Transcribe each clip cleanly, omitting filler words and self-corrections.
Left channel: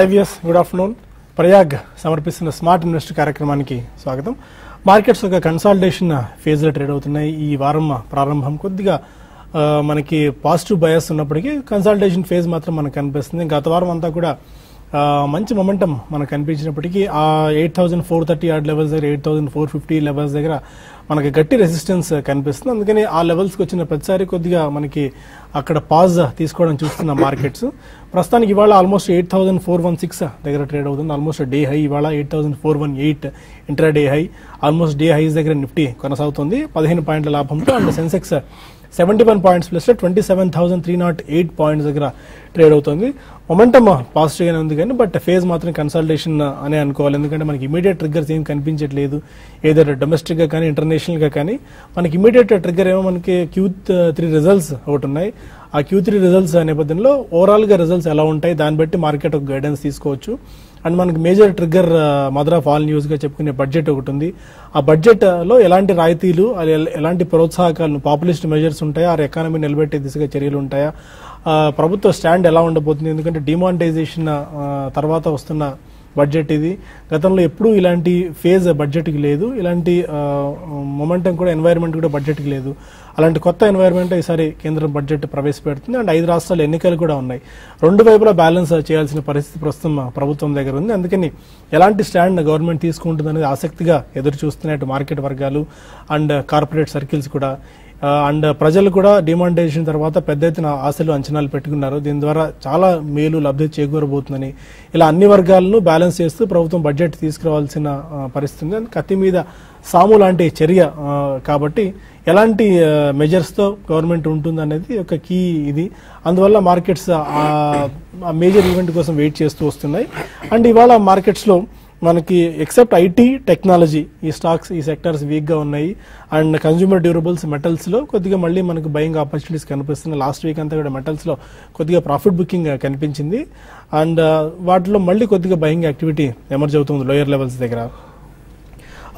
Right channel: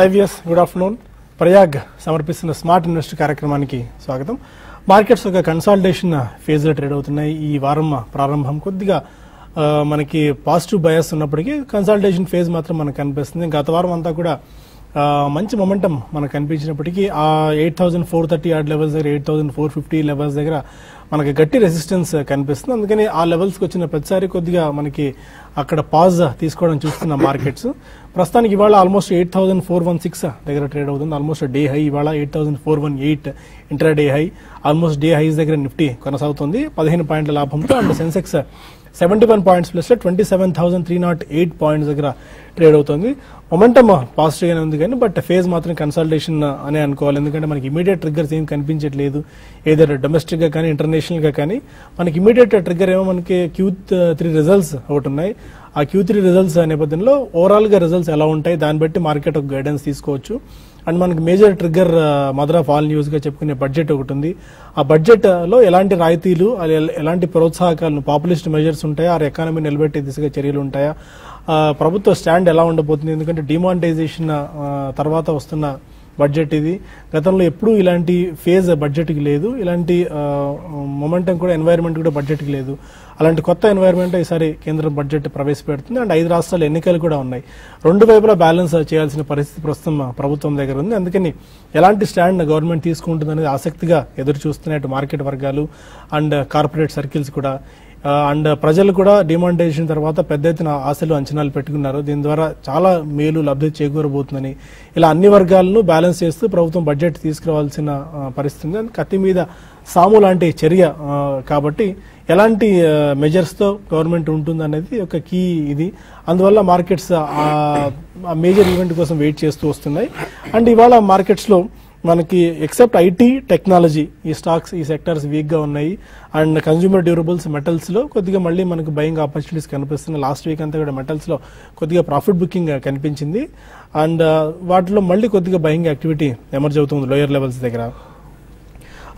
IVS good afternoon. Prayag సమర్పిస్తున్న smart invest కార్యక్రమానికి స్వాగతం. మార్కెట్స్ ఒక కన్సాలిడేషన్ ఫేజ్ లో ట్రేడ్ అవుతున్నాయి. ఈ వారం ప్రారంభం కొద్దిగా మనకి పాజిటివ్ బయాస్ ఉన్నప్పటికీ కన్సాలిడేషన్ ఫేజ్ మాత్రం మనకు కనిపిస్తుంది. గత వారం అంతా కూడా మంచి మొమెంటం మనకు కనిపించినప్పటికీ ఆ 8430 ఆర్డ్ లెవెల్స్ దగ్గర 8450 లెవెల్స్ దగ్గర మనకి గట్టి రెసిస్టెన్స్ కనిపిస్తుంది. అందుకని ఆ లెవెల్స్ కి వచ్చిన ప్రతిసారి కొద్దిగా మనకి అక్కడ పాజ్ తీసుకోవడం చూస్తున్న మార్కెట్స్ ప్రస్తుతానికి ఇవాళ ఆల్మోస్ట్ 8416 దగ్గర ట్రేడ్ అవుతుంది. ఆల్మోస్ట్ డే హై ఇవాళ 8418 intraday high. Almost day highs దగ్గర నిఫ్టీ కొనసాగుతుంది 15 పాయింట్ల లాభంతో. And Sensex 71 points plus 27,308 points దగ్గర ట్రేడ్ అవుతుంది. మొమెంటమ్ పాజిటివ్ గానే ఉంది కానీ బట్ ఫేజ్ మాత్రం కన్సల్టేషన్ అనే అనుకోవాలి. ఎందుకంటే మనకి ఇమీడియట్ ట్రిగ్గర్స్ ఏం కనిపించట్లేదు. ఏదైనా డొమెస్టిక్ గా కానీ ఇంటర్నేషనల్ గా కానీ మనకి ఇమీడియట్ ట్రిగ్గర్ ఏమో మనకి Q3 రిజల్ట్స్ ఒకటి ఉన్నాయి. ఆ Q3 రిజల్ట్స్ నేపథ్యంలో ఓవరాల్ గా రిజల్ట్స్ ఎలా ఉంటాయి దాన్ని బట్టి మార్కెట్ ఒక గైడెన్స్ తీసుకోవచ్చు. అండ్ మనకి major trigger mother of all news గా చెప్పుకునే బడ్జెట్ ఒకటి ఉంది. ఆ బడ్జెట్ లో ఎలాంటి రాయితీలు ఎలాంటి ప్రోత్సాహకాలు పాపులిస్ట్ మెజర్స్ ఉంటాయా, ఆ ఎకానమీ నిలబెట్టే దిశగా చర్యలు ఉంటాయా, ప్రభుత్వ స్టాండ్ ఎలా ఉండబోతుంది. ఎందుకంటే డిమానిటైజేషన్ తర్వాత వస్తున్న బడ్జెట్ ఇది. గతంలో ఎప్పుడూ ఇలాంటి ఫేజ్ బడ్జెట్ కి లేదు. ఇలాంటి మొమెంటం కూడా ఎన్వైరన్మెంట్ కూడా బడ్జెట్ కి లేదు. అలాంటి కొత్త ఎన్వైరన్మెంట్ ఈసారి కేంద్ర బడ్జెట్ ప్రవేశపెడుతుంది. అండ్ 5 రాష్ట్రాల ఎన్నికలు కూడా ఉన్నాయి. రెండు వైపులా బ్యాలెన్స్ చేయాల్సిన పరిస్థితి ప్రస్తుతం ప్రభుత్వం దగ్గర ఉంది. అందుకని ఎలాంటి స్టాండ్ గవర్నమెంట్ తీసుకుంటుంది అనేది ఆసక్తిగా ఎదురు చూస్తున్నాయి మార్కెట్ వర్గాలు అండ్ కార్పొరేట్ సర్కిల్స్ కూడా. అండ్ ప్రజలు కూడా డిమానిటైజేషన్ తర్వాత పెద్ద ఎత్తున ఆశలు అంచనాలు పెట్టుకున్నారు. దీని ద్వారా చాలా మేలు లబ్ధి చేకూరబోతుందని ఇలా అన్ని వర్గాలను బ్యాలెన్స్ చేస్తూ ప్రభుత్వం బడ్జెట్ తీసుకురావాల్సిన పరిస్థితి. కత్తి మీద సాము లాంటి చర్య కాబట్టి ఎలాంటి మెజర్స్ తో గవర్నమెంట్ ఉంటుంది అనేది ఒక కీ ఇది. అందువల్ల మార్కెట్స్ మేజర్ ఈవెంట్ కోసం వెయిట్ చేస్తూ వస్తున్నాయి. అండ్ ఇవాళ మార్కెట్స్ లో మనకి ఎక్సెప్ట్ ఐటీ టెక్నాలజీ ఈ స్టాక్స్ ఈ సెక్టర్స్ వీక్ గా ఉన్నాయి. అండ్ కన్స్యూమర్ డ్యూరబుల్స్ మెటల్స్ లో కొద్దిగా మళ్ళీ మనకు బయింగ్ ఆపర్చునిటీస్ కనిపిస్తుంది. లాస్ట్ వీక్ అంతా కూడా మెటల్స్ లో కొద్దిగా ప్రాఫిట్ బుకింగ్ కనిపించింది. అండ్ వాటిలో మళ్ళీ కొద్దిగా బయింగ్ యాక్టివిటీ ఎమర్జ్ అవుతుంది లోయర్ లెవెల్స్ దగ్గర.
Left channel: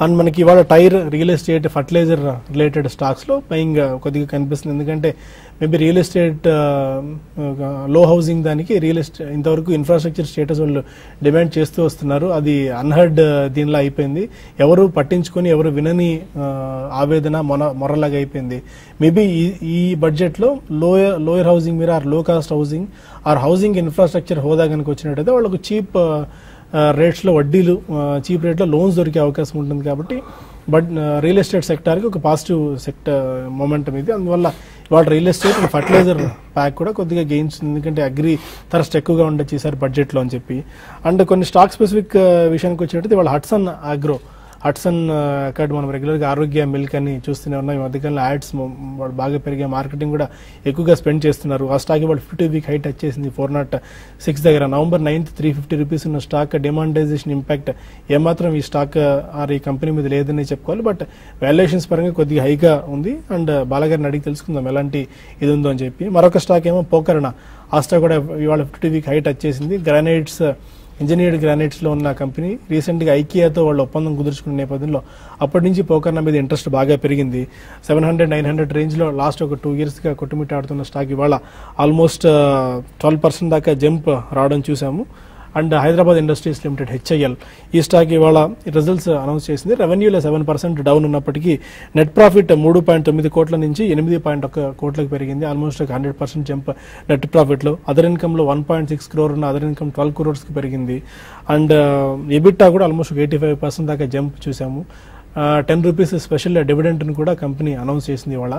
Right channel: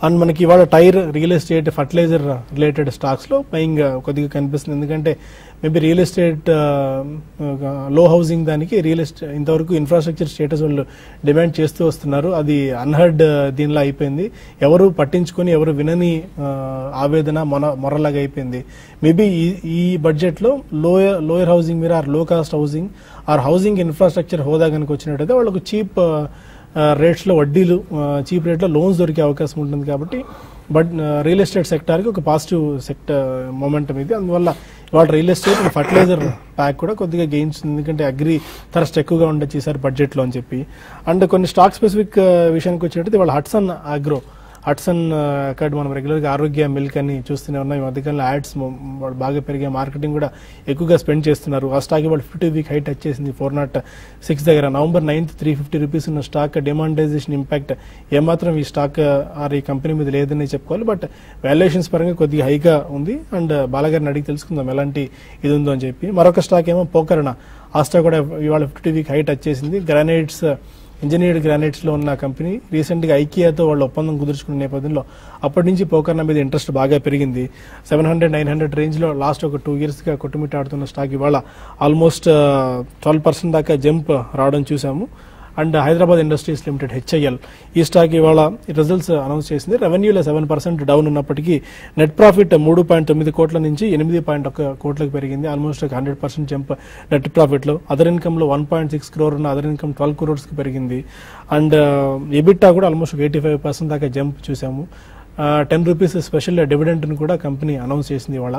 అండ్ మనకి ఇవాళ tyre, real estate, fertilizer related stocks లో బయింగ్ కొద్దిగా కనిపిస్తుంది. ఎందుకంటే మేబీ రియల్ ఎస్టేట్ లో హౌసింగ్ దానికి రియల్ ఎస్టేట్ ఇంతవరకు ఇన్ఫ్రాస్ట్రక్చర్ స్టేటస్ వాళ్ళు డిమాండ్ చేస్తూ వస్తున్నారు. అది అన్హర్డ్ దీనిలో అయిపోయింది. ఎవరు పట్టించుకొని ఎవరు వినని ఆవేదన మొరలాగా అయిపోయింది. మేబీ ఈ బడ్జెట్ లో లోయర్ హౌసింగ్ మీద or low cost housing or housing infrastructure హోదా కనుక వచ్చినట్టయితే వాళ్ళకు చీప్ రేట్స్ లో వడ్డీలు చీప్ రేట్ లో లోన్స్ దొరికే అవకాశం ఉంటుంది. కాబట్టి బట్ రియల్ ఎస్టేట్ సెక్టర్ కి ఒక పాజిటివ్ సెక్టర్ మొమెంటం ఇది. అందువల్ల వాడు రియల్ ఎస్టేట్ ఫర్టిలైజర్ ప్యాక్ కూడా కొద్దిగా గెయిన్స్, ఎందుకంటే అగ్రి థరస్ట్ ఎక్కువగా ఉండొచ్చు ఈసారి బడ్జెట్ లో అని చెప్పి. అండ్ కొన్ని స్టాక్ స్పెసిఫిక్ విషయానికి వచ్చేటట్టు ఇవాళ హట్సన్ అగ్రో, హట్సన్ అక్కడ మనం రెగ్యులర్ గా ఆరోగ్య మిల్క్ అని చూస్తూనే ఉన్నాయి. మధ్యకాలంలో యాడ్స్ వాళ్ళు బాగా పెరిగే, మార్కెటింగ్ కూడా ఎక్కువగా స్పెండ్ చేస్తున్నారు. ఆ స్టాక్ ఇవాళ 50 వీక్ హైట్ వచ్చేసింది 406 దగ్గర. November 9th 350 రూపీస్ ఉన్న స్టాక్ డిమానిటైజేషన్ ఇంపాక్ట్ ఏమాత్రం ఈ స్టాక్ ఈ కంపెనీ మీద లేదని చెప్పుకోవాలి. బట్ వాల్యుయేషన్స్ పరంగా కొద్దిగా హైగా ఉంది. అండ్ బాలగారిని అడిగి తెలుసుకుందాం ఎలాంటి ఇది ఉందో అని చెప్పి. మరొక స్టాక్ ఏమో పోకర్ణ, ఆ స్టాక్ కూడా ఇవాళ 50 వీక్ హైట్ వచ్చేసింది. గ్రానైట్స్, ఇంజనీర్డ్ గ్రానైట్స్ లో ఉన్న కంపెనీ రీసెంట్ గా ఐకియాతో వాళ్ళు ఒప్పందం కుదుర్చుకున్న నేపథ్యంలో అప్పటి నుంచి పోకర్ణ మీద ఇంట్రెస్ట్ బాగా పెరిగింది. 700-900 రేంజ్ లో లాస్ట్ ఒక 2 years గా కొట్టుమిట్టాడుతున్న స్టాక్ ఇవాళ ఆల్మోస్ట్ 12% దాకా జంప్ రావడం చూసాము. And Hyderabad industries limited HIL ఈ స్టాక్ ఇవాళ రిజల్ట్స్ అనౌన్స్ చేసింది. రెవెన్యూలో 7% డౌన్ ఉన్నప్పటికీ నెట్ ప్రాఫిట్ 3.9 కోట్ల నుంచి 8.1 కోట్లకు పెరిగింది. ఆల్మోస్ట్ 100% జంప్ నెట్ ప్రాఫిట్ లో. అదర్ ఇన్కమ్ లో 1.6 crore ఉన్న అదర్ ఇన్కమ్ 12 crores కి పెరిగింది. అండ్ ఎబిటా కూడా ఆల్మోస్ట్ 85% దాకా జంప్ చూసాము. 10 రూపీస్ స్పెషల్ డివిడెంట్ ని కూడా కంపెనీ అనౌన్స్ చేసింది ఇవాళ.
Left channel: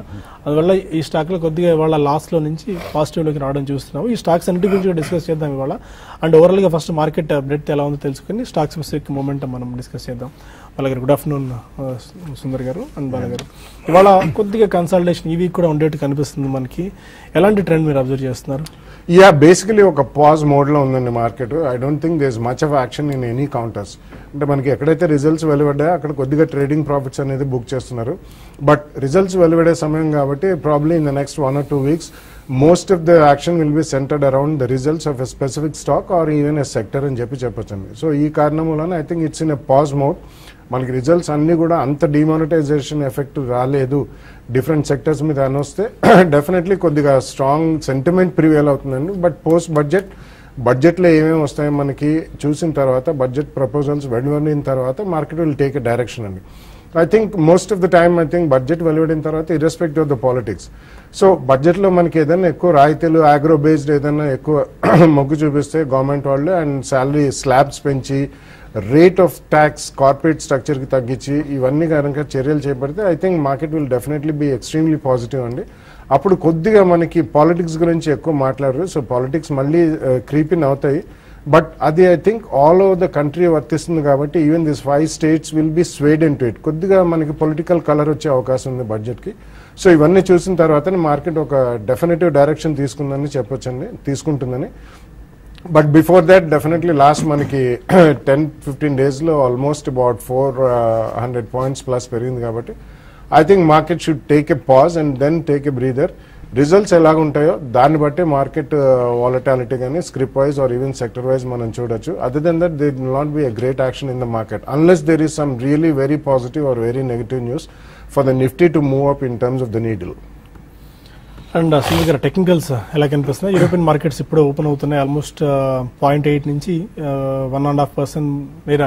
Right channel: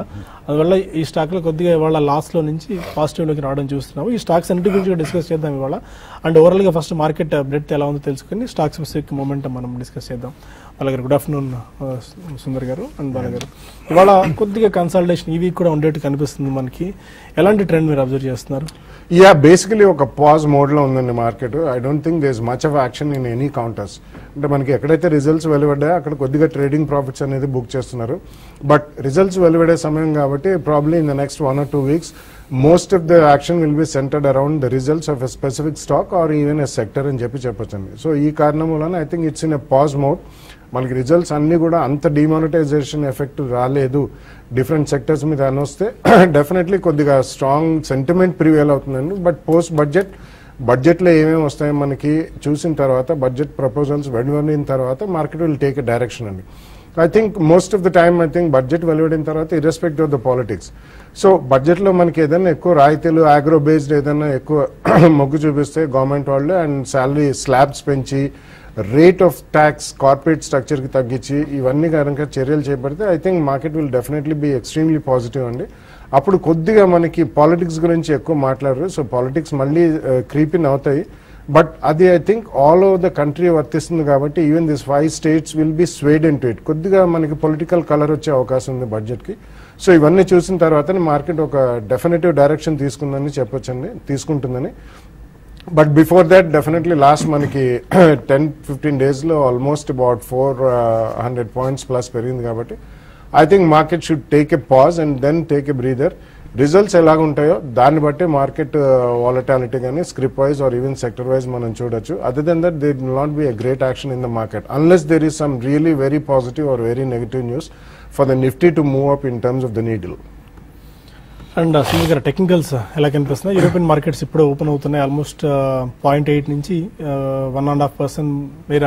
అందువల్ల ఈ స్టాక్ లో కొద్దిగా ఇవాళ లాస్ లో నుంచి పాజిటివ్ లోకి రావడం చూస్తున్నాము. ఈ స్టాక్ సెంటిమెంట్ డిస్కస్ చేద్దాం ఇవాళ. అండ్ ఓవరాల్ గా ఫస్ట్ మార్కెట్ బ్రెడ్త్ ఎలా ఉందో తెలుసుకుని స్టాక్ స్పెసిఫిక్ మూమెంట్ మనం డిస్కస్ చేద్దాం. అలాగే గుడ్ ఆఫ్టర్నూన్ సుందర్ గారు అండ్ బాగా గారు. ఇవాళ కొద్దిగా కన్సల్టేషన్ ఈ వీక్ కూడా ఉండేట్టు కనిపిస్తుంది మనకి. ఎలాంటి ట్రెండ్ మీరు అబ్జర్వ్ చేస్తున్నారు? యా, బేసికలీ ఒక పాజ్ మోడ్ లో ఉందండి market. I don't think there is much of action in any counters. అంటే మనకి ఎక్కడైతే రిజల్ట్స్ వెలువడ్డాయో అక్కడ కొద్దిగా ట్రేడింగ్ ప్రాఫిట్స్ అనేది బుక్ చేస్తున్నారు. బట్ రిజల్ట్స్ వెలువడే సమయం కాబట్టి probably in the next 1 or 2 weeks most of the action will be centered around the results of a specific stock or even a sector అని చెప్పొచ్చండి. సో ఈ కారణం వలన I think it's in a pause mode. మనకి results అన్ని కూడా అంత demonetisation effect రాలేదు డిఫరెంట్ సెక్టర్స్ మీద అని వస్తే డెఫినెట్లీ కొద్దిగా స్ట్రాంగ్ సెంటిమెంట్ ప్రివేల్ అవుతుందండి. బట్ పోస్ట్ బడ్జెట్ బడ్జెట్ లో ఏమేమి వస్తాయో మనకి చూసిన తర్వాత బడ్జెట్ ప్రపోజల్స్ వెలువడిన తర్వాత market will take a direction అండి. I think most of the time I think budget వెలువడిన తర్వాత irrespective of the politics, so budget లో మనకి ఏదైనా ఎక్కువ రాయితీలు అగ్రో బేస్డ్ ఏదైనా ఎక్కువ మొగ్గు చూపిస్తే గవర్నమెంట్ వాళ్ళు అండ్ శాలరీ స్లాబ్స్ పెంచి rate of tax corporate structure కి తగ్గించి ఇవన్నీ కనుక చర్యలు చేపడితే I think market will definitely be extremely positive అండి. అప్పుడు కొద్దిగా మనకి పాలిటిక్స్ గురించి ఎక్కువ మాట్లాడరు, సో పాలిటిక్స్ మళ్ళీ క్రీపిన్ అవుతాయి. బట్ అది I think all over the country వర్తిస్తుంది కాబట్టి even this 5 states will be swayed in to it. కొద్దిగా మనకి పొలిటికల్ కలర్ వచ్చే అవకాశం ఉంది బడ్జెట్ కి. సో ఇవన్నీ చూసిన తర్వాత మార్కెట్ ఒక డెఫినెటివ్ డైరెక్షన్ తీసుకుంటుందని. But before that definitely last మనకి 10-15 days లో ఆల్మోస్ట్ అబౌట్ 400 points ప్లస్ పెరిగింది కాబట్టి I think market should take a pause and then take a breather. Results ఎలాగుంటాయో దాన్ని బట్టి మార్కెట్ వాలటాలిటీ కానీ scrip wise or even sector wise మనం చూడొచ్చు. Other than that they will not be a great action in the market unless there is some really very positive or very negative news for the Nifty to move up in terms of the needle. And Sunil technicals ఎలా కనిపిస్తున్నాయి? European markets ఇప్పుడు open అవుతున్నాయి. Almost 0.8 నుంచి 1.5% మేర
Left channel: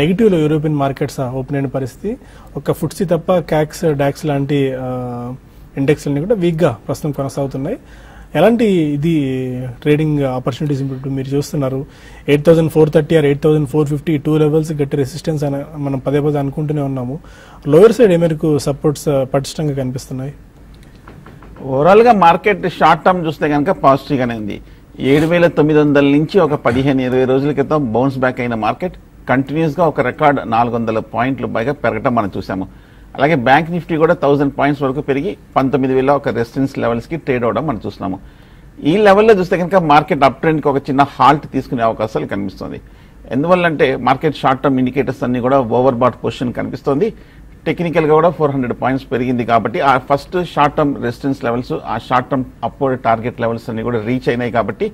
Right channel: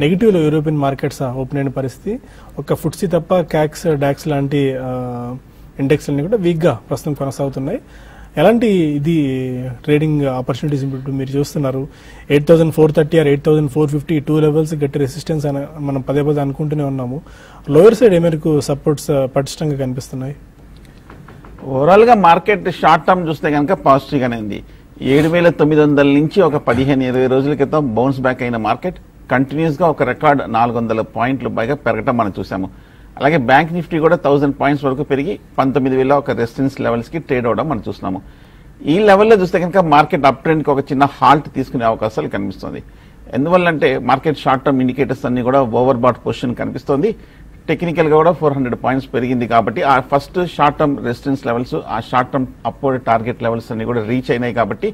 negative లో European markets open అయిన పరిస్థితి. ఒక ఫుట్సీ తప్ప క్యాక్స్ డాక్స్ లాంటి ఇండెక్స్ అన్ని కూడా వీక్ గా ప్రస్తుతం కొనసాగుతున్నాయి. ఎలాంటి ఇది ట్రేడింగ్ ఆపర్చునిటీస్ ఇప్పుడు మీరు చూస్తున్నారు? 8,430 ఆర్ 8,450 టూ లెవెల్స్ గట్టి రెసిస్టెన్స్ అని మనం పదే అనుకుంటూనే ఉన్నాము. లోయర్ సైడ్ ఏమేరకు సపోర్ట్స్ పటిష్టంగా కనిపిస్తున్నాయి? ఓవరాల్ గా మార్కెట్ షార్ట్ టర్మ్ చూస్తే కనుక పాజిటివ్ గానే ఉంది. 7,900 నుంచి ఒక 15-20 రోజుల క్రితం బౌన్స్ బ్యాక్ అయిన మార్కెట్ కంటిన్యూస్ గా ఒక రికార్డ్ 400 పాయింట్లు పైగా పెరగటం మనం చూసాము. అలాగే బ్యాంక్ నిఫ్టీ కూడా 1000 పాయింట్స్ వరకు పెరిగి 19,000 ఒక రెసిస్టెన్స్ లెవెల్స్ కి ట్రేడ్ అవడం మనం చూస్తున్నాము. ఈ లెవెల్లో చూస్తే కనుక మార్కెట్ అప్ ట్రెండ్ కి ఒక చిన్న హాల్ట్ తీసుకునే అవకాశాలు కనిపిస్తుంది. ఎందువల్లంటే మార్కెట్ షార్ట్ టర్మ్ ఇండికేటర్స్ అన్ని కూడా ఓవర్ బాట్ పొజిషన్ కనిపిస్తుంది. టెక్నికల్ గా కూడా 400 పాయింట్స్ పెరిగింది కాబట్టి ఆ first short term resistance levels, ఆ short term upward target levels అన్ని కూడా రీచ్ అయినాయి కాబట్టి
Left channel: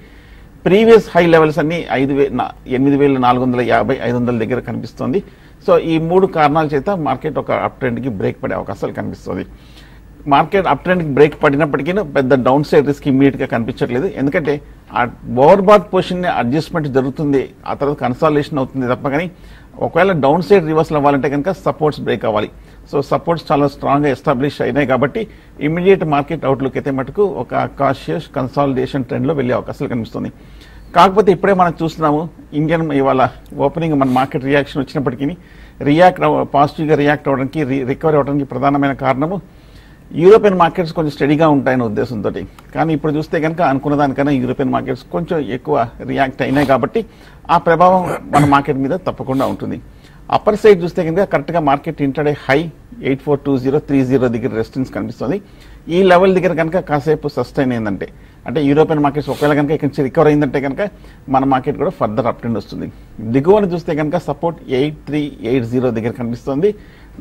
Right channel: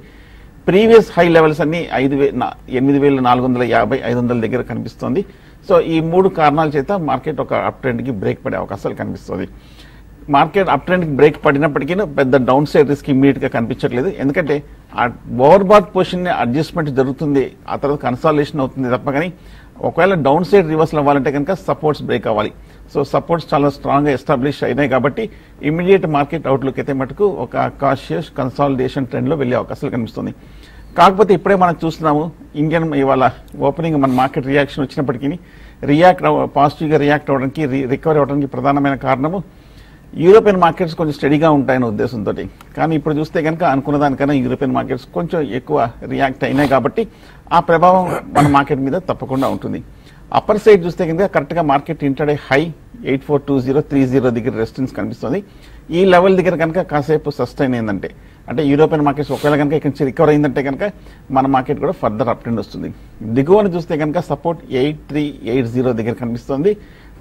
ప్రీవియస్ హై లెవెల్స్ అన్ని 8,450, 500 దగ్గర కనిపిస్తుంది. సో ఈ 3 కారణాల చేత మార్కెట్ ఒక అప్ ట్రెండ్ కి బ్రేక్ పడే అవకాశాలు కనిపిస్తుంది. మార్కెట్ అప్ ట్రెండ్ కి బ్రేక్ పడినప్పటికీ పెద్ద డౌన్ సైడ్ రిస్క్ ఇమీడియట్ గా కనిపించట్లేదు. ఎందుకంటే ఆ ఓవర్ బాట్ పొజిషన్ అడ్జస్ట్మెంట్ జరుగుతుంది, ఆ తర్వాత కన్సాలిడేషన్ అవుతుంది తప్ప కానీ ఒకవేళ డౌన్ సైడ్ రివర్సల్ అవ్వాలంటే కనుక సపోర్ట్స్ బ్రేక్ అవ్వాలి. సో సపోర్ట్స్ చాలా స్ట్రాంగ్ గా ఎస్టాబ్లిష్ అయినాయి కాబట్టి ఇమీడియట్ మార్కెట్ అవుట్లుక్ అయితే మటుకు ఒక కాషియస్ కన్సాలిడేషన్ ట్రెండ్ లో వెళ్లే అవకాశాలు కనిపిస్తుంది. కాకపోతే ఇప్పుడే మనం చూస్తున్నాము ఇండియన్ ఇవాళ ఓపెనింగ్ మన మార్కెట్ రియాక్షన్ వచ్చినప్పటికీ పాజిటివ్ గా రియాక్ట్ అవడానికి రికవర్ అవడానికి ప్రధానమైన కారణము యూరోపియన్ మార్కెట్స్ కొంచెం స్టడీగా ఉంటాయనే ఉద్దేశంతో. కానీ ఇప్పుడు చూస్తే కనుక అనుకున్న దానికన్నా యూరోపియన్ మార్కెట్స్ కొంచెం ఎక్కువ రియాక్ట్ అయినాయి కాబట్టి ఆ ప్రభావం మన మార్కెట్ మీద తప్పకుండా ఉంటుంది. అప్పర్ సైడ్ చూస్తే కనుక కరెక్ట్ గా మార్కెట్ ఇంటర్డే హై 842030 దగ్గర రెసిస్టెన్స్ కనిపిస్తుంది. ఈ లెవెల్ దగ్గర కనుక కాసేపు సస్టైన్ అయిందంటే అంటే యూరోపియన్ మార్కెట్స్ ఒకవేళ కనుక ఇక్కడ నుంచి రికవర్ అయిందంటే కనుక మన మార్కెట్ కూడా ఫర్దర్ అప్ ట్రెండ్ వస్తుంది. దిగువన చూస్తే కనుక సపోర్ట్ 8380 దగ్గర కనిపిస్తుంది.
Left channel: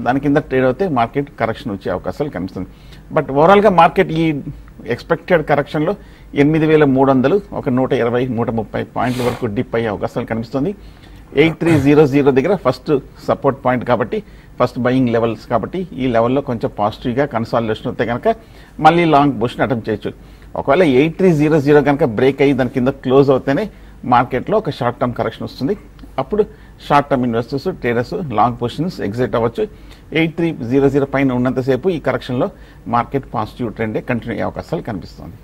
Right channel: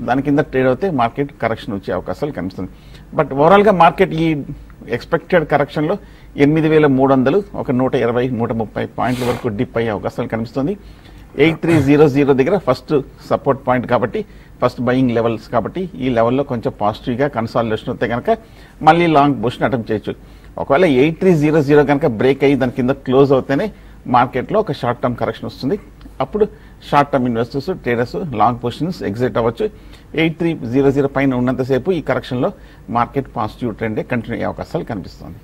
దాని కింద ట్రేడ్ అవుతే మార్కెట్ కరెక్షన్ వచ్చే అవకాశాలు కనిపిస్తుంది. బట్ ఓవరాల్ గా మార్కెట్ ఈ ఎక్స్పెక్టెడ్ కరెక్షన్ లో 8,300 ఒక 120-130 పాయింట్ల వరకు డిప్ అయ్యే అవకాశాలు కనిపిస్తుంది. 8300 దగ్గర ఫస్ట్ సపోర్ట్ పాయింట్ కాబట్టి ఫస్ట్ బయింగ్ లెవెల్స్ కాబట్టి ఈ లెవెల్లో కొంచెం పాజిటివ్ గా కన్సాలిడేషన్ అవుతే కనుక మళ్ళీ లాంగ్ పొజిషన్ అటెంప్ట్ చేయొచ్చు. ఒకవేళ 8300 కనుక బ్రేక్ అయ్యి దాని కింద క్లోజ్ అవుతేనే మార్కెట్ లో ఒక షార్ట్ టర్మ్ కరెక్షన్ వస్తుంది. అప్పుడు short term investors traders long positions exit అవ్వచ్చు. 8300 పైన ఉన్నంతసేపు ఈ కరెక్షన్ లో మార్కెట్ పాజిటివ్ ట్రెండ్ కంటిన్యూ అయ్యే అవకాశాలు కనిపిస్తుంది.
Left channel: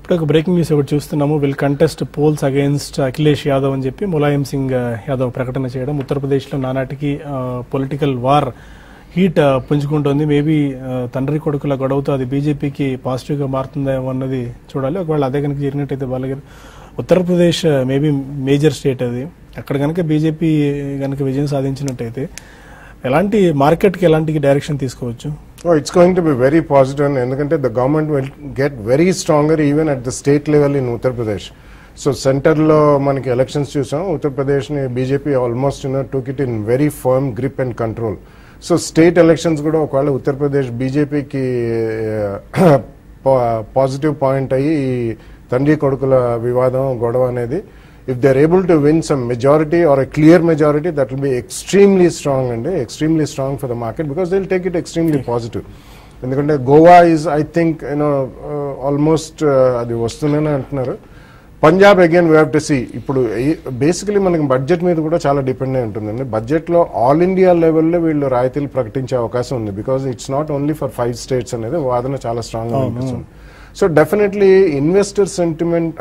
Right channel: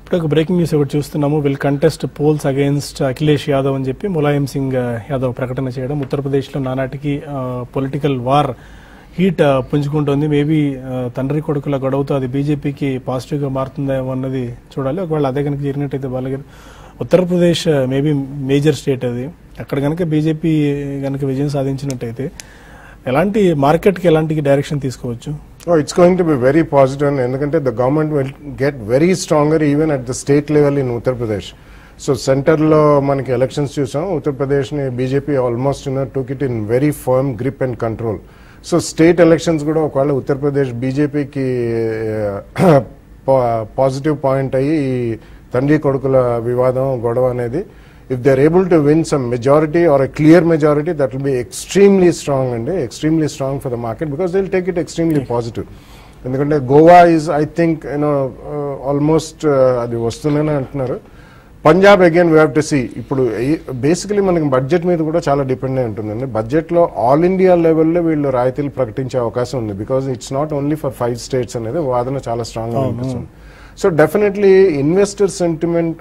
ఇప్పుడు బ్రేకింగ్ న్యూస్ ఒకటి చూస్తున్నాము. Will contest polls against Akhilesh Yadav అని చెప్పి ములాయం సింగ్ యాదవ్ ప్రకటన చేయడం. ఉత్తరప్రదేశ్ లో నానాటికి పొలిటికల్ వార్ హీట్ పుంజుకుంటోంది. మేబీ తండ్రి కొడుకుల గొడవతో అది బీజేపీకి పాజిటివ్ గా మారుతుందేమో అన్నది చూడాలి. ఒకవేళ అదే కనుక జరిగినట్టయితే వాళ్ళకి ఉత్తరప్రదేశ్ మేబీ మేజర్ స్టేట్ అది, అక్కడ కనుక బీజేపీ కనుక విజయం సాధించినట్టయితే ఎలాంటి మార్కెట్ కి ఎలాంటి డైరెక్షన్ తీసుకోవచ్చు? It's going to be very positive ఎందుకంటే the government will get very stronger even at the state level in Uttar Pradesh. So centre లో మనకి ఎలక్షన్స్ చూసాం, ఉత్తరప్రదేశ్ ని BJP almost took it in very firm grip and control. So state elections కూడా ఒకవేళ ఉత్తరప్రదేశ్ బీజేపీకి positive point అయ్యి తండ్రి కొడుకుల వివాదం గొడవ అనేది if they're able to win some majority or a clear majority, that will be extremely strong and extremely strong for the market because they'll take it extremely positive. ఎందుకంటే Goa is I think almost అది వస్తుందని అంటున్నారు. Punjab again we have to see. ఇప్పుడు basically మనకి budget మీద కూడా చాలా depend అయి ఉంటుందండి. బడ్జెట్ లో ఆల్ ఇండియా లెవెల్లో వీళ్ళు రాయితీలు ప్రకటించే అవకాశం ఉంది. Because it's not only for 5 states అనేది వాదన చాలా స్ట్రాంగ్ గా అనిపిస్తుంది. So definitely investor sentiment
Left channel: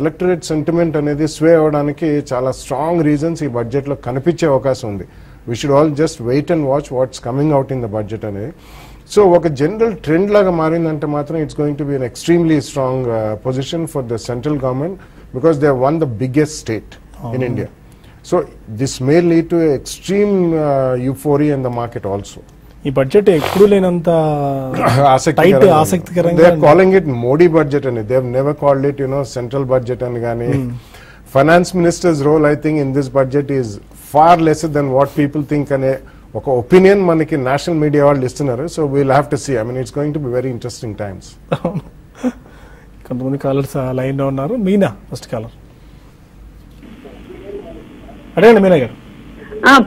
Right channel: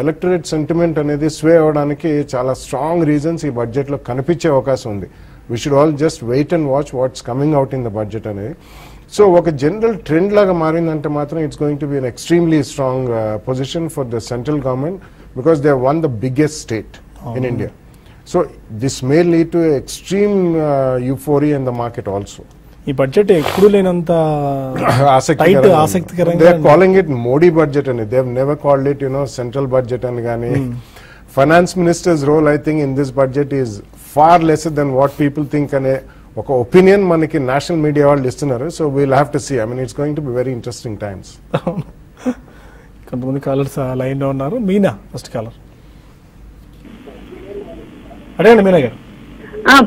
electorate sentiment అనేది స్వే అవడానికి చాలా స్ట్రాంగ్ రీజన్స్ ఈ బడ్జెట్ లో కనిపించే అవకాశం ఉంది. We should all just wait and watch what's coming out in the budget అనేది. సో ఒక జనరల్ ట్రెండ్ లాగా మారిందంటే మాత్రం it's going to be an extremely strong position for the central government because they won the biggest state in India. So this may lead to extreme euphoria in the market also. ఈ budget ఎక్కువ లేనంత ఆసక్తికరంగా they are calling it Modi budget అని. They have never called it central budget అని. కానీ finance minister's role I think in this budget is far less than what people think అనే ఒక opinion మనకి నేషనల్ మీడియా వాళ్ళు ఇస్తున్నారు. So we'll have to see. I mean it's going to be very interesting times. కొంతమంది callers line లో ఉన్నారు. Meena first caller. అదే మీనా గారు.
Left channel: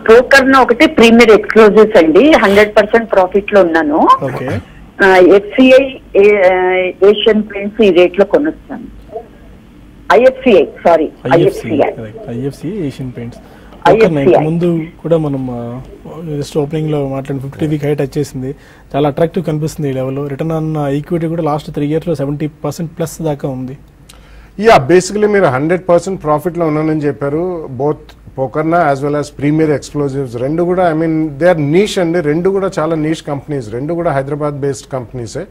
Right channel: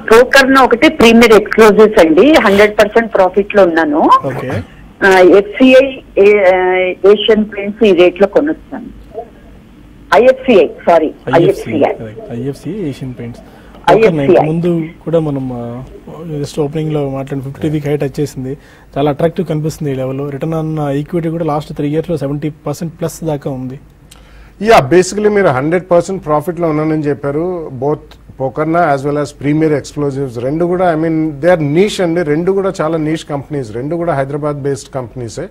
బ్రోకర్ ఒకటి ప్రీమియర్ ఎక్స్క్లూజివ్స్ అండి. 100% ప్రాఫిట్ లో ఉన్నాను. FCI ఏషియన్ పెయింట్స్ ఈ రేట్ లో కొనుస్తాను. IFCI ఏషియన్ పెయింట్స్ ముందు కూడా మనం ఓపెనింగ్ లో మాట్లాడిన 50 వీక్ హైట్ వచ్చేసింది. చాలా అట్రాక్టివ్ కనిపిస్తుంది ఈ లెవెల్. రిటర్న్ ఆన్ ఈక్విటీ కూడా లాస్ట్ 3 years లో 70% ప్లస్ దాకా ఉంది. యా బేసికలీ మీరు 100% ప్రాఫిట్ లో ఉన్నానని చెప్పారు. Both Pokarna as well as premier explosives రెండు కూడా I mean they are niche అండి. రెండు కూడా చాలా నీష్ కంపెనీస్. రెండు కూడా హైదరాబాద్ బేస్డ్ కంపెనీసే.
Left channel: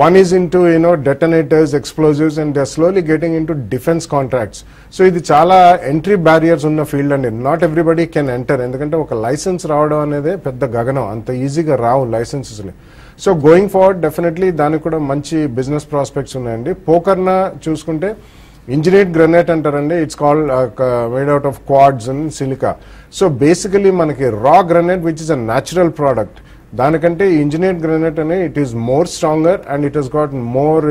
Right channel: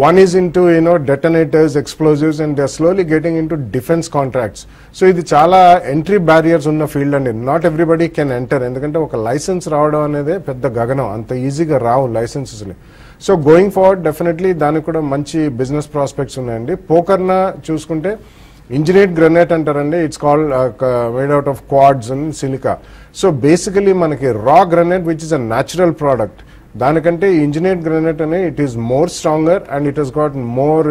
One is into detonators, explosives, and they're slowly getting into defense contracts. So ఇది చాలా ఎంట్రీ బ్యారియర్స్ ఉన్న ఫీల్డ్ అండి. Not everybody can enter. ఎందుకంటే ఒక లైసెన్స్ రావడం అనేది పెద్ద గగనం. అంత ఈజీగా రావు licences. So going forward definitely దానికి కూడా మంచి బిజినెస్ ప్రాస్పెక్ట్స్ ఉన్నాయండి. పోకర్నా చూసుకుంటే ఇంజనీర్డ్ గ్రనైట్ అంటారండి. It's called made out of quartz and silica. So basically మనకి raw granite which is a natural product. దానికంటే ఇంజనీర్డ్ గ్రానైట్ అనే it is more stronger and it has got more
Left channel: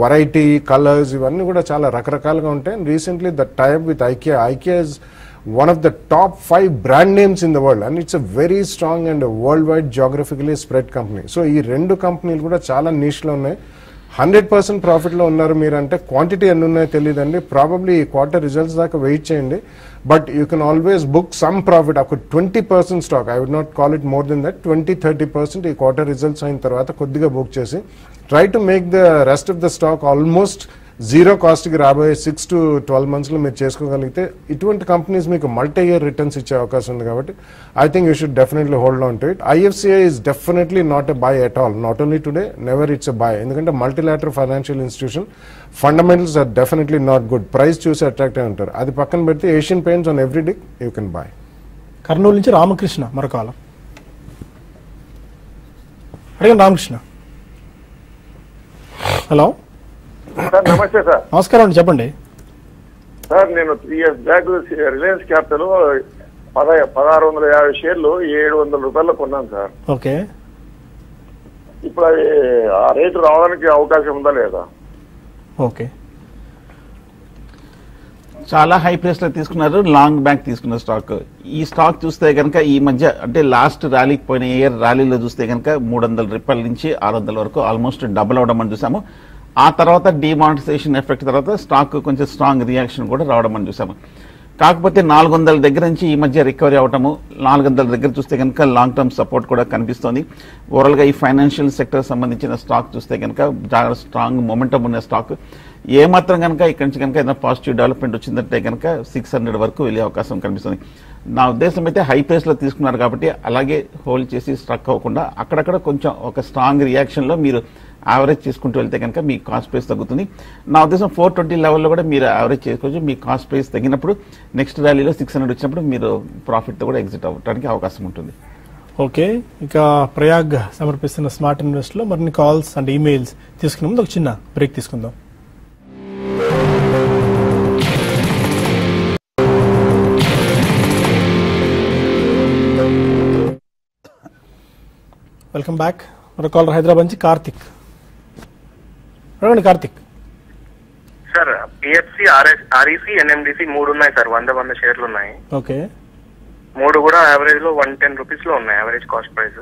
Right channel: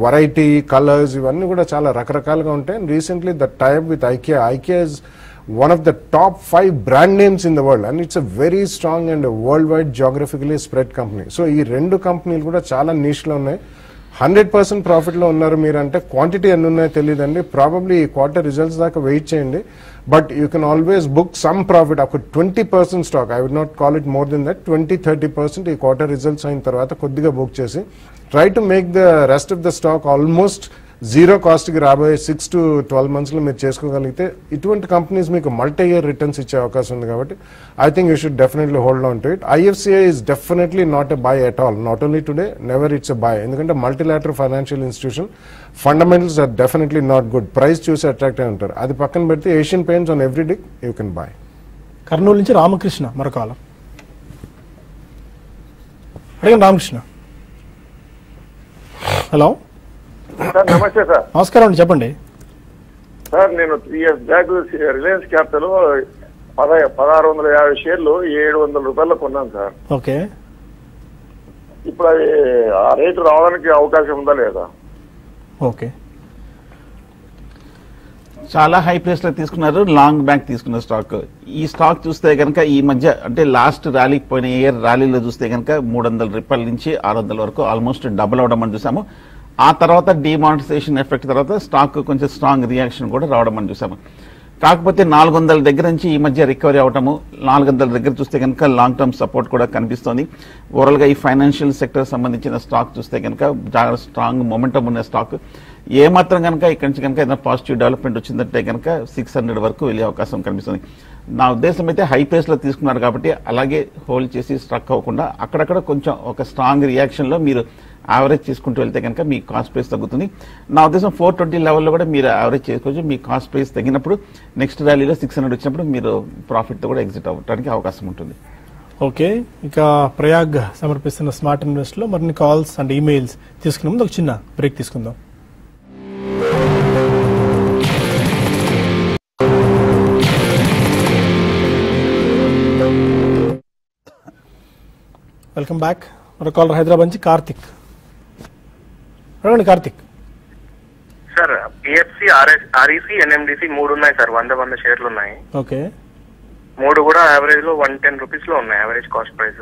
variety colours. ఇవన్నీ కూడా చాలా రకరకాలుగా ఉంటాయి. Recently the type with IKEA is one of the top 5 brand names in the world and it's a very strong and world wide geographically spread company. So ఈ రెండు కంపెనీలు కూడా చాలా నీష్ లో ఉన్నాయి. 100% ప్రాఫిట్ లో ఉన్నారు మీరంటే క్వాంటిటీ ఎన్ని ఉన్నాయో తెలియదండి. ప్రాబబ్లీ ఈ క్వార్టర్ రిజల్ట్స్ దాకా వెయిట్ చేయండి. But you can always book some profit. ఒక 20% stock, I would not call it more than that, 20-30% ఈ క్వార్టర్ రిజల్ట్స్ అయిన తర్వాత కొద్దిగా బుక్ చేసి try to make the rest of the stock almost zero cost కి రాబోయే 6 to 12 months లో మీరు చేసుకోగలిగితే ఇటువంటి కంపెనీస్ మీకు మల్టీ ఇయర్ రిటర్న్స్ ఇచ్చే అవకాశం ఉంది. కాబట్టి I think you should definitely hold on to it. IFCI is definitely not a buy at all. Not only today, never it's a buy. ఎందుకంటే multilateral financial institution fundamentals are definitely not good. Price చూసి attractive అంటారు. అది పక్కన పెడితే Asian paints on every day you can buy. Kurnool నుంచి Ramakrishna మరొకాలం. Hello Ramakrishna. Hello నమస్తే sir. నమస్కారం అండి, చెప్పండి సార్. నేను 3 years బ్యాక్ రిలయన్స్ క్యాపిటల్ 1650 షేర్లు 700 రూపాయలు కొన్నాను సార్. ఓకే. ఇప్పుడు అది ఆ రేటు రావడానికి అవకాశం ఉందా లేదా? ఓకే. చాలా హై ప్రైస్ లో తీసుకున్నారు. లాంగ్ బ్యాక్ తీసుకున్న స్టాక్. ఈ స్టాక్ చూస్తే కనుక ఈ మధ్య అంటే లాస్ట్ ర్యాలీకి పోయిన ఇయర్ ర్యాలీలో చూస్తే కనుక 300 రూపాయల నుంచి 600 వరకు ఆల్మోస్ట్ డబుల్ అవడం అని చూసాము. ఆ తర్వాత డిమానిటైజేషన్ ఎఫెక్ట్ తర్వాత స్టాక్ కొంచెం స్ట్రాంగ్ రియాక్షన్ కూడా రావడం అని చూసాము. కాకపోతే 400 దగ్గర నుంచి ఈ మధ్య రికవరీ అవటము, 400 దగ్గర చూస్తే కనుక లాంగ్ టర్మ్ సపోర్ట్ కూడా కనిపిస్తుంది. ఓవరాల్ గా ఈ ఫైనాన్షియల్ సెక్టర్ సంబంధించిన స్టాక్ చూస్తే కనుక చాలా స్ట్రాంగ్ మొమెంటం ఉన్న స్టాక్. ఏ మాత్రం కనుక ఇక్కడి నుంచి కనుక ఏదైనా పాజిటివ్ డెవలప్మెంట్ వచ్చిందంటే కనుక 600 వరకు వెళ్ళే అవకాశం కనిపిస్తుంది. నా ఉద్దేశం అయితే హై ప్రైస్ లో తీసుకున్నారు కాబట్టి అలాగే హోల్డ్ చేసి స్ట్రక్ అవ్వకుండా అక్కడక్కడ కొంచెం ఒక స్ట్రాంగ్ రియాక్షన్ లో మీరు యావరేజ్ చేసుకుంటూ వెళ్తే కనుక మీ కాస్ట్ ప్రైస్ తగ్గుతుంది. నా ఉద్దేశం 420 లెవెల్లో కూడా మీరు యావరేజ్ చేసుకోవచ్చు. మీ కాస్ట్ ప్రైస్ తగ్గినప్పుడు నెక్స్ట్ ర్యాలీలో 600 వచ్చినప్పుడు మీరు ప్రాఫిట్ తో కూడా ఎగ్జిట్ అవ్వడానికి అవకాశం ఉంటుంది. ఓకే. ఇంకా ప్రయాగ్ సమర్పిస్తున్న స్మార్ట్ ఇన్వెస్ట్ లో మరిన్ని కాల్స్ అండ్ ఈమెయిల్స్ తీసుకునే ముందు ఒక చిన్న బ్రేక్ తీసుకుందాం. Welcome back. మన కాలర్ హైదరాబాద్ నుంచి Karthik. Karthik sir, PFC, REC, NMDC 3 ఉన్నాయి సార్. 100 షేర్లు ఉన్నాయి. ఓకే. 3 కూడా యావరేజ్ లో 110 రూపీస్ లో ఉన్నాయి average cost price.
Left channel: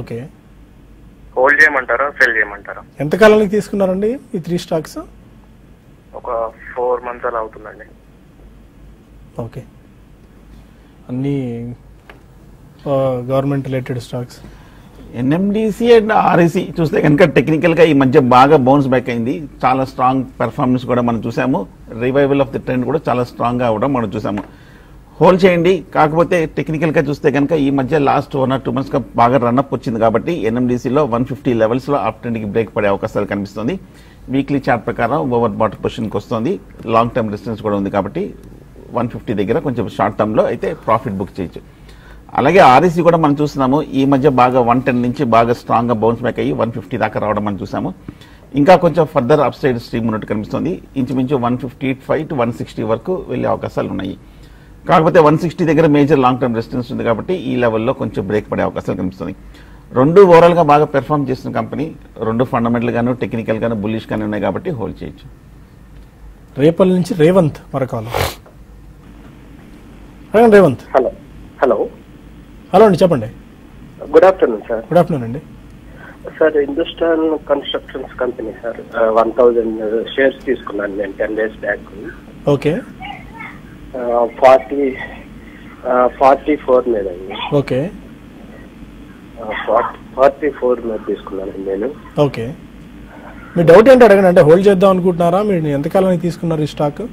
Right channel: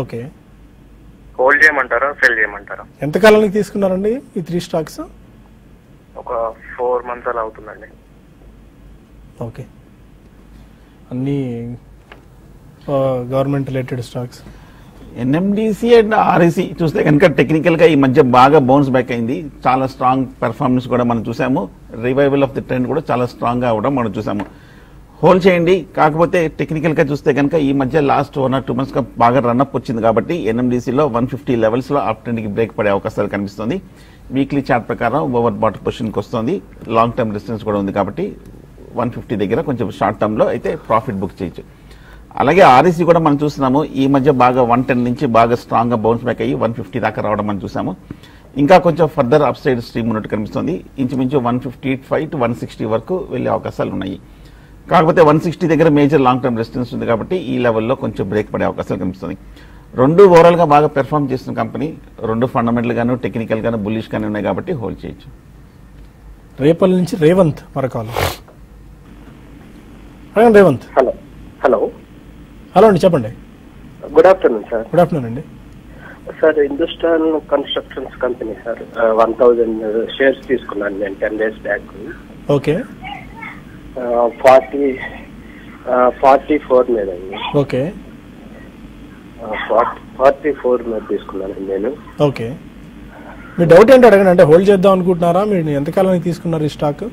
Okay. Hold చేయమంటారా, సెల్ చేయమంటారా? ఎంత కాలానికి తీసుకున్నారండి ఈ 3 స్టాక్స్? ఒక 4 months అలా అవుతుందండి. ఓకే, అన్ని government related stocks. NMDC and REC చూస్తే కనుక టెక్నికల్ గా ఈ మధ్య బాగా బౌన్స్ బ్యాక్ అయింది. చాలా స్ట్రాంగ్ పెర్ఫార్మెన్స్ కూడా మనం చూసాము. రివైవల్ ఆఫ్ ది ట్రెండ్ కూడా చాలా స్ట్రాంగ్ గా కూడా మనం చూసాము. హోల్డ్ చేయండి. కాకపోతే టెక్నికల్ గా చూస్తే కనుక ఈ మధ్య లాస్ట్ 1 or 2 months గా బాగా రన్అప్ వచ్చింది కాబట్టి ఎన్ఎండిసిలో 150 లెవెల్స్ లో అప్ ట్రెండ్ కి బ్రేక్ పడే అవకాశాలు కనిపిస్తుంది. వీక్లీ చార్ట్ ప్రకారం ఓవర్ బాటర్ పొజిషన్ కి వస్తుంది. లాంగ్ టర్మ్ రెసిస్టెన్స్ కూడా ఉంది కాబట్టి 150 దగ్గర కొంచెం షార్ట్ టర్మ్ లో అయితే ప్రాఫిట్ బుక్ చేయొచ్చు. అలాగే ఆర్ఈసీ కూడా మనం చూస్తున్నాము. ఈ మధ్య బాగా 110 నుంచి బాగా స్ట్రాంగ్ గా బౌన్స్ బ్యాక్ అయ్యి 150 దాకా రావడం మనం చూసాము. ఇంకా కొంచెం ఫర్దర్ అప్ సైడ్ స్ట్రీమ్ ఉన్నట్టు కనిపిస్తుంది. ఇంచుమించు 155 to 160 వరకు వెళ్లే అవకాశాలు ఉన్నాయి. కాకపోతే 160 దగ్గర మేజర్ లాంగ్ టర్మ్ రెసిస్టెన్స్ ఉంది కాబట్టి ఈ లెవెల్లో కొంచెం బ్రేక్ పడే అవకాశాలు కనిపిస్తుంది. రెండు ఓవరాల్ గా బాగా పెర్ఫార్మ్ చేసిన కంపెనీ, రెండు ఫండమెంటల్ గాను టెక్నికల్ గాను బుల్లిష్ గానే ఉన్నాయి కాబట్టి హోల్డ్ చేయొచ్చు. రేపల్ నుంచి Revanth Marakala. Revanth. Hello hello hello అండి, చెప్పండి. Good afternoon sir. Good afternoon అండి. Sir Hindustan construction company sir 1000 shares తీసుకున్నాను నేను 10 days బ్యాక్. ఓకే. 44 లేదండి. ఓకే. 44 మీద తీసుకున్నాను నేను. ఓకే. మీ డౌట్ ఏంటి అడగండి. అంటే హోల్డ్ చేద్దాం అనుకుంటున్నారా? మీరు ఎంతకాలం తీసుకున్నారు ఈ స్టాక్?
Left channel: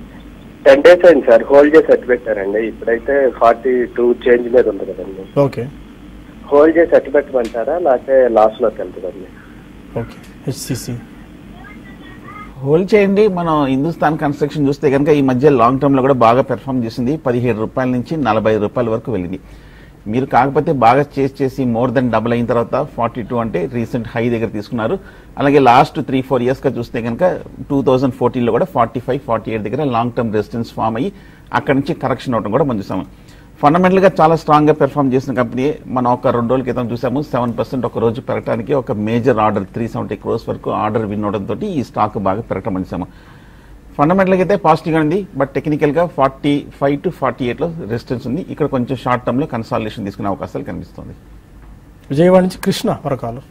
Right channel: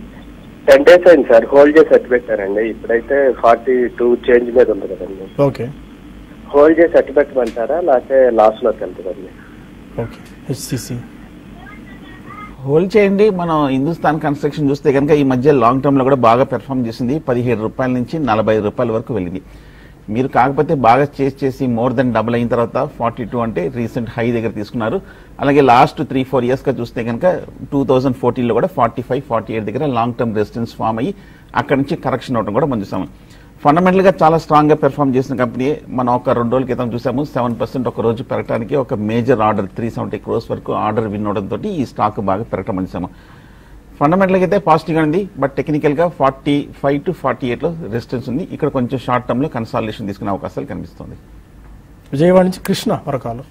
10 days అయింది సార్ హోల్డ్ చేసి అట్టి పెట్టారండి. ఇప్పుడైతే 42 చేంజ్ మీద ఉంది కదండి. ఓకే. హోల్డ్ చేసి అట్టి పెట్టమంటారా లేకపోతే లాస్ లోకి వెళ్తారండి? ఓకే. హెచ్సిసి హోల్డ్ చేయండి. మనం హిందుస్థాన్ కన్స్ట్రక్షన్ చూస్తే కనుక ఈ మధ్య లాంగ్ టర్మ్ లో కూడా బాగా పెర్ఫార్మ్ చేసింది. 17 రూపాయల నుంచి 45 రూపాయల వరకు వెళ్ళింది. మీరు కాకపోతే బాగా చేసి మోర్ దెన్ డబుల్ అయిన తర్వాత 42 అంటే రీసెంట్ హై దగ్గర తీసుకున్నారు. అలాగే లాస్ట్ 3-4 years గా చూస్తే కనుక 2014 లో కూడా 45-48 దగ్గర లాంగ్ టర్మ్ రెసిస్టెన్స్ ఫామ్ అయ్యి అక్కడ నుంచి కరెక్షన్ అవడం కూడా మనం చూసాము. ఫండమెంటల్ గా చాలా స్ట్రాంగ్ గా పెర్ఫార్మ్ చేసిన కంపెనీ. మనం ఒక 2 రోజుల క్రితం చూసాము 7% ఒక రోజు పెరగడానికి ఒక మేజర్ ఆర్డర్ 370 crores వరకు ఆర్డర్ విన్ అవడంతో ఈ స్టాక్ బాగా పెరగడం చూసాము. ఫండమెంటల్ గా అయితే పాజిటివ్ గా ఉంది. బట్ టెక్నికల్ గా 45 to 48 లో రెసిస్టెన్స్ ఉంది. ఇక్కడ కొంచెం షార్ట్ టర్మ్ లో కన్సాలిడేషన్ తీసుకునే అవకాశాలు కనిపిస్తుంది. విజయవాడ నుంచి కృష్ణ మరకాలు.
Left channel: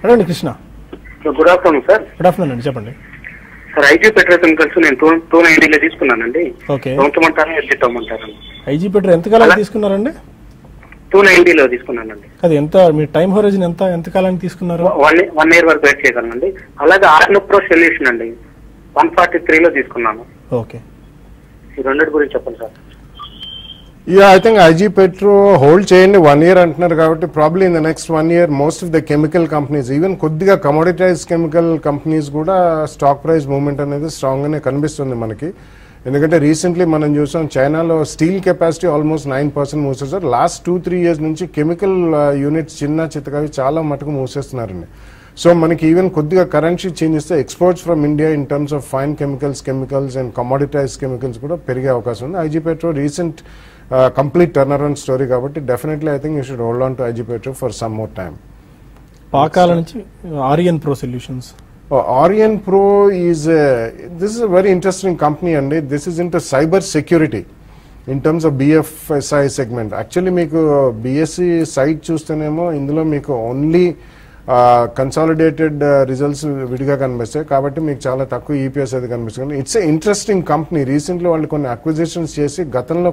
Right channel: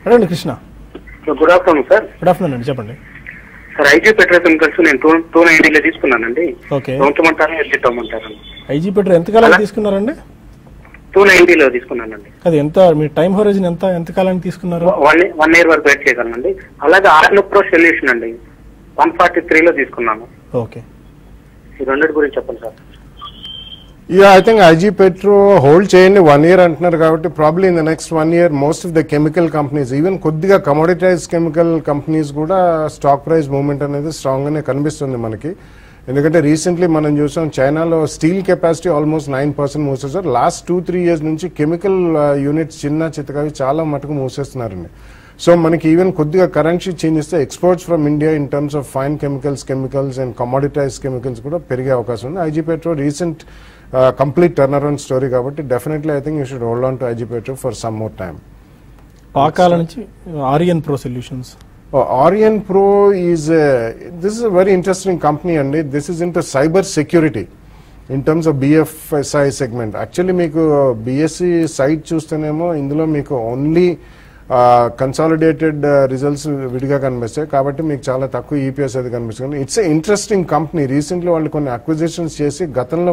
అడగండి Krishna. Good afternoon sir. Good afternoon అండి, చెప్పండి. సార్ ఐజీ పెట్రోల్ కెమికల్స్ నేను 290 తీసుకున్నానండి. ఓకే. ఉంచమంటారా ఎగ్జిట్ అవ్వమంటారా? ఐజీ పెట్రోల్ ఎంతకాలం తీసుకున్నారండి? 290 తీసుకున్నానండి. అది ఎంత మీ టైం హోరిజన్ ఎంత కాలానికి తీసుకున్నారు? 1 year వరకు వెయిట్ చేశానండి. అలాగే ఆర్నో ప్రో సొల్యూషన్ అండి 143 తీసుకున్నాను. ఓకే. ఈ 100 గురించి చెప్పండి sir. I think IG Petro hold చేయండి 1 year అంటున్నారు కాబట్టి probably in the next 1 year most of the chemical companies even కొద్దిగా కమోడిటైజ్ కెమికల్ కంపెనీస్ కూడా స్టాక్ ప్రైస్ మూవ్మెంట్ అనేది స్ట్రాంగ్ గానే కనిపిస్తుంది మనకి. ఎందుకంటే రీసెంట్లీ మనం చూసాం చైనాలో స్టీల్ కెపాసిటీ ఆల్మోస్ట్ 9% మూసేస్తారు. లాస్ట్ 2-3 years నుంచి కెమికల్ యూనిట్స్ చిన్న చిత్తకవి చాలా మటుకు మూసేస్తున్నారండి. సో మనకి ఈవెన్ కొద్దిగా కరెన్సీ చేంజ్ ఇస్తే exports from India in terms of fine chemicals and commoditised chemicals కూడా పెరిగే అవకాశం ఉంది. IG petro recent complete turnaround story కాబట్టి definitely I think you should hold on to IG Petro for some more time. Pakala నుంచి Orion pro solutions. Orion Pro this is a very interesting company and this is into cyber security in terms of BFSI segment. Actually మీకు BSE site చూస్తేనేమో ఇందులో మీకు only consolidated results విడిగా కనిపిస్తాయి కాబట్టి మీకు చాలా తక్కువ ఈపీఎస్ అది కనిపిస్తుంది. It's a interesting company. Recently వాళ్ళు కొన్ని అక్విజిషన్స్ చేసి గతంలో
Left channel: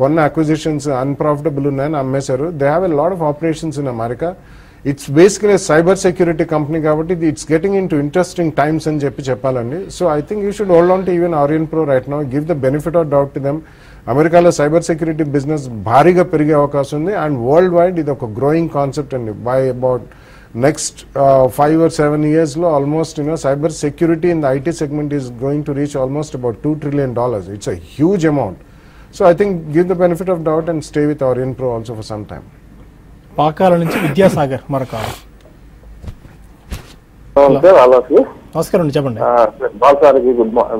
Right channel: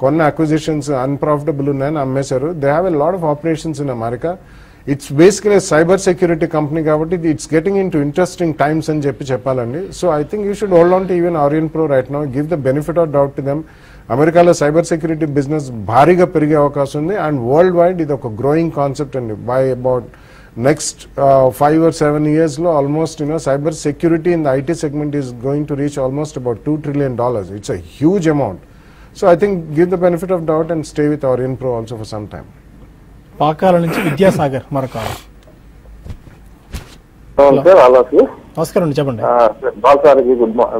కొన్ని అక్విజిషన్స్ అన్ప్రాఫిటబుల్ ఉన్నాయని అమ్మేశారు. They have a lot of operations in America. It's basically cyber security company కాబట్టి it's getting into interesting times అని చెప్పాలండి. So I think you should hold on to even Orion pro right now. Give the benefit of doubt to them. అమెరికాలో cyber security business భారీగా పెరిగే అవకాశం ఉంది and world wide ఇది ఒక growing concept అండి. By about next 5 or 7 years lo almost cyber security in the IT segment is going to reach almost about $2 trillion. It's a huge amount. So I think give the benefit of doubt and stay with Orion Pro also for some time. Pakala నుంచి Vidyasagar Marakala. Sir అలాగే నమస్కారం, చెప్పండి.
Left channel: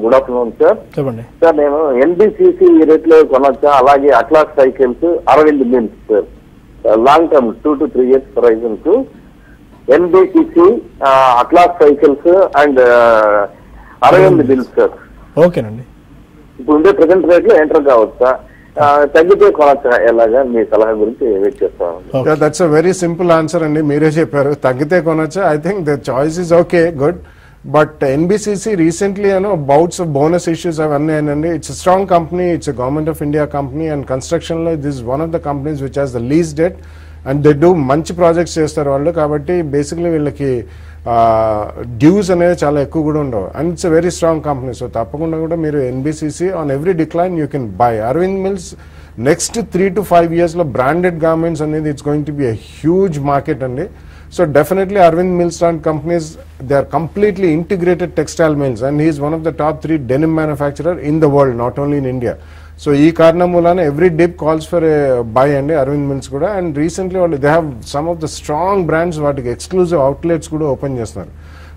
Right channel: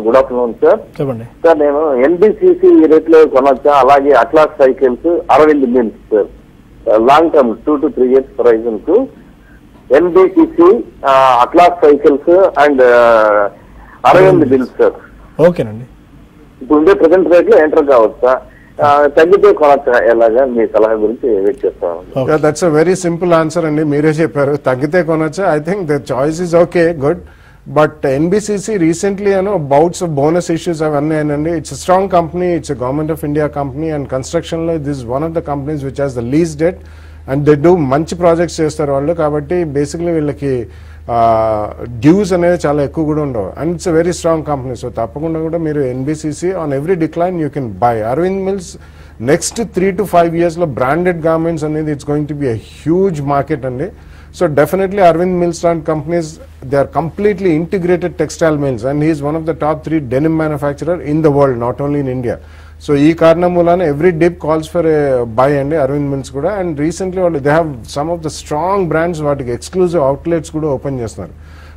Good afternoon sir. చెప్పండి sir నేను NBCC rate లో కొనొచ్చా? అలాగే Atlas Cycles 60 million sir long term 2 to 3 years horizons. NBCC Atlas Cycles and 60 million sir. ఓకేనండి. ఇప్పుడు ఉండే ప్రెసెంట్ రేట్ లో ఎంటర్ కావచ్చా? తగ్గితే కొనొచ్చా? ఎలాగా మీ సలహా గురించి వెయిట్ చేస్తాను. That's a very simple answer అండి. మీరే చెప్పారు తగ్గితే కొనొచ్చా. I think the choice is okay good. But NBCC recently, bouts of bonus issues have announced. It's a strong company. It's a Government of India company, and construction this is one of the companies which has the least debt, and they do manchi projects చేస్తారు వాళ్ళు. కాబట్టి basically వీళ్ళకి dues అనేది చాలా ఎక్కువ కూడా ఉండవు, and it's very strong company. So తప్పకుండా కూడా మీరు NBCC on every decline you can buy. Arvind Mills next 3 to 5 years లో బ్రాండెడ్ గార్మెంట్స్ అనేది it's going to be a huge market అండి. So definitely Arvind Mills companies, they are completely integrated textile mills, and he is one of the top 3 denim manufacturer in the world, not only in India. So ee karanam mulana every dip calls for a buy and Arvind Mills kuda, and recently they have some of the strong brands vaatiki exclusive outlets kuda open chestunaru.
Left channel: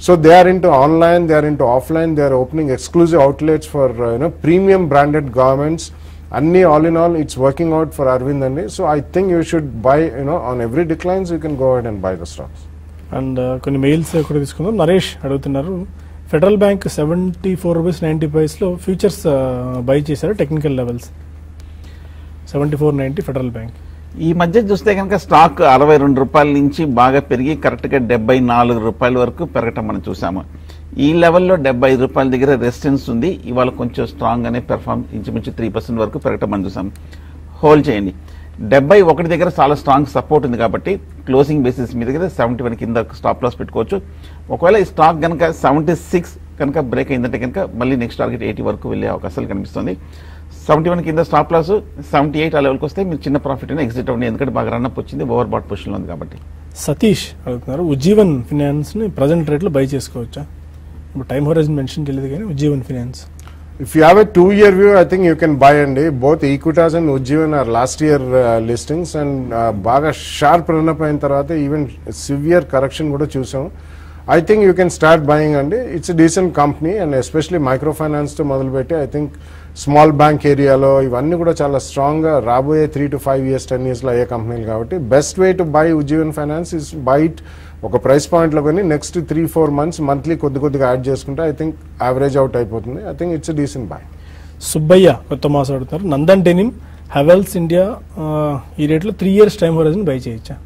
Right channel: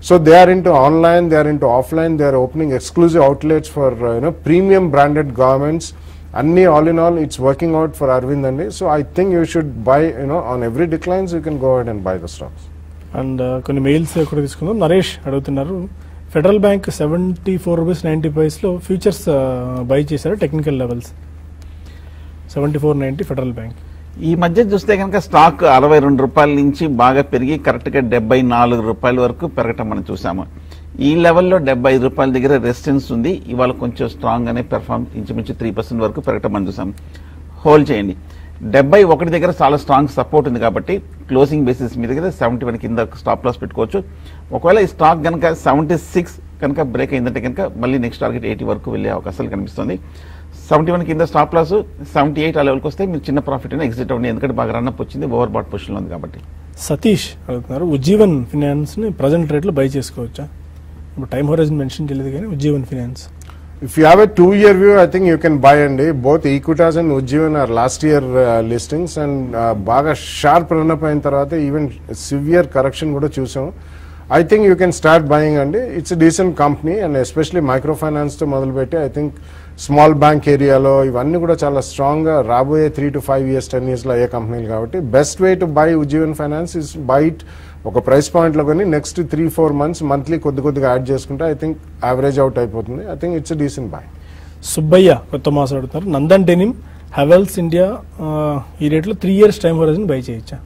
So they are into online, they are into offline, they are opening exclusive outlets for premium branded garments. Anni all in all, it's working out for Arvind Andy. So I think you should buy, on every declines you can go ahead and buy the stocks. And కొన్ని mails కూడా తీసుకుందాం. నరేష్ అడుగుతున్నారు, Federal Bank 74 rupees 90 పైసలో futures buy చేశారు technical levels 74.90 Federal Bank. ఈ మధ్య చూస్తే కనుక స్టాక్ 62 రూపాయల నుంచి బాగా పెరిగి కరెక్ట్ గా 74 రూపాయల వరకు పెరగటం మనం చూసాము. ఈ లెవెల్లో 75 రూపాయల దగ్గర రెసిస్టెన్స్ ఉంది. ఇవాళ కొంచెం స్ట్రాంగ్ గానే పెర్ఫార్మ్ ఇంచుమించు 3% వరకు పెరగటం మనం చూసాం. హోల్డ్ చేయండి. 71 దగ్గర చాలా స్ట్రాంగ్ సపోర్ట్ ఉంది కాబట్టి క్లోజింగ్ బేసిస్ మీద 71 కింద స్టాప్ లాస్ పెట్టుకోవచ్చు. ఒకవేళ ఈ స్టాక్ కనుక 76 కనుక బ్రేక్ అయిందంటే కనుక మళ్ళీ నెక్స్ట్ టార్గెట్ 80 వరకు వెళ్ళే అవకాశాలు కనిపిస్తుంది. 71 కింద స్టాప్ లాస్ 78 ఆ లెవెల్కి వస్తే మీరు చిన్న ప్రాఫిట్ అయినా ఎగ్జిట్ అవ్వండి, ఎందుకంటే బాగా రన్అప్ వచ్చింది, ఓవర్ బాట్ పొజిషన్ ఉంది కాబట్టి. సతీష్ అడుగుతున్నారు, ఉజ్జీవన్ ఫినాన్స్ ని ప్రజెంట్ రేట్ లో బై చేసుకోవచ్చా? టైం హోరైజన్ మెన్షన్ చేయలేదు కానీ Ujjivan finance. If you have a 2-year view, I think you can buy and both Equitas and Ujjivan are last year listings, and baga sharp run up ayin tarvata even severe correction kuda chusam. I think you can start buying and it's a decent company, and especially microfinance to model petti I think small bank area lo ivanni kuda chala strong ga raboye 3 to 5 years 10 years lo aye company kabatti best way to buy Ujjivan Finance is buy it ఒక price point లో కానీ next 3-4 months monthly కొద్దిగా add చేసుకుంటే I think average out అయిపోతుంది. I think it's decent by. Subbaiah కొత్త mass అడుగుతారు, Nandan denim Havells India ఈ rate లో 3 years టైం హోరైజన్ బై చేయొచ్చా?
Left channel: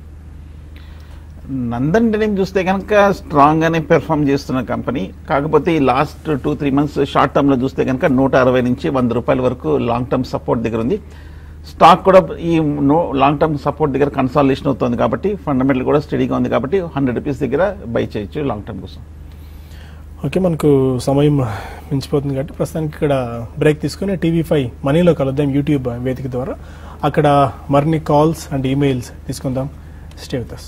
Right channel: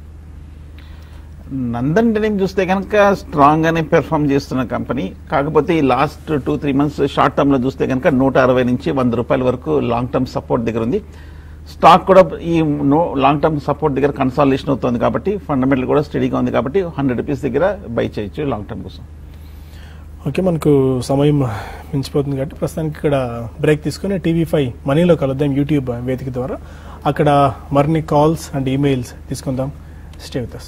నందన్ డెనిమ్ చూస్తే కనుక స్ట్రాంగ్ గానే పెర్ఫార్మ్ చేస్తున్న కంపెనీ. కాకపోతే ఈ లాస్ట్ 2-3 months షార్ట్ టర్మ్ లో చూస్తే కనుక 160 నుంచి 100 రూపాయల వరకు లాంగ్ టర్మ్ సపోర్ట్ దగ్గర ఉంది. స్టాక్ కూడా ఈ లాంగ్ టర్మ్ సపోర్ట్ దగ్గర కన్సాలిడేషన్ అవుతుంది కాబట్టి ఫండమెంటల్ కూడా స్టడీగా ఉంది కాబట్టి 100 రూపీస్ దగ్గర బై చేయొచ్చు లాంగ్ టర్మ్ కోసం. ఓకే, మనకు సమయం మించిపోతుంది కాబట్టి ప్రస్తుతానికి ఇక్కడ బ్రేక్ తీసుకుని TV5 మనీలో కలుద్దాం యూట్యూబ్ వేదిక ద్వారా. అక్కడ మరిన్ని కాల్స్ అండ్ ఈమెయిల్స్ తీసుకుందాం. Stay with us.